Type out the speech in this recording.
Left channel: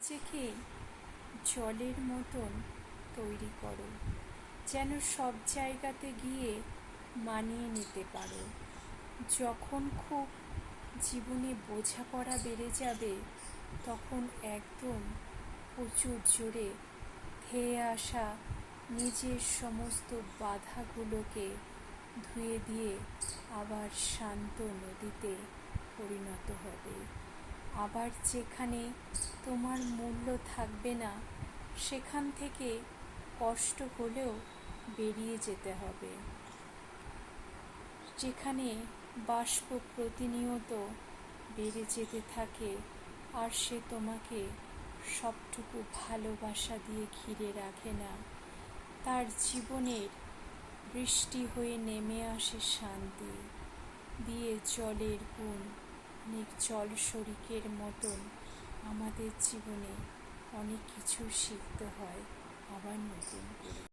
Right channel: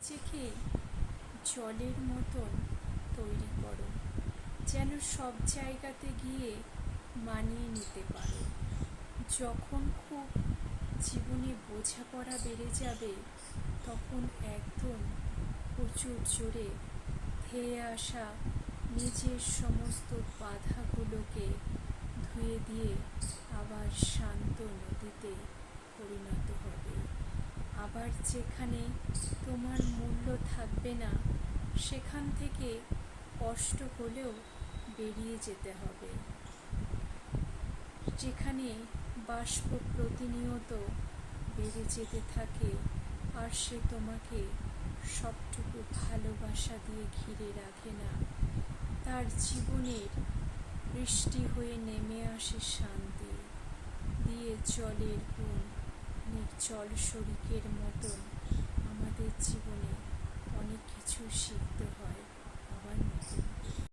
নিজেকে জলের মতন তৈরি করো, যেন সব জায়গাতে গিয়ে মানিয়ে নিতে পারো। যখন খুব জীবনে বোঝাপড়া বেড়ে যাবে, তখন একদম প্রচুর জোরে ধেয়ে আসা নিজের সমস্ত বাধাগুলোকে ধুয়ে দিয়ে আবার শান্ত নদীতে পরিণত হবে। আবার যেখানে তোমার মূল্য থাকবে না, সেখান থেকে কষ্ট হলেও বেরিয়ে যেতে হবে। যেখানে বাষ্প প্রতিনিয়ত বেড়ে যেতে থাকে, আর সে তোমাকে সবটুকু ভালোবাসা দিয়ে ঘিরে রাখে না, তার জীবনের বৃষ্টি হয়ে নেমে আসে শান্তি দিয়ে। জলের গুণ অনেক জল শরিকের মতন আমাদের জীবনে অনেক কিছু শিখতে হয়।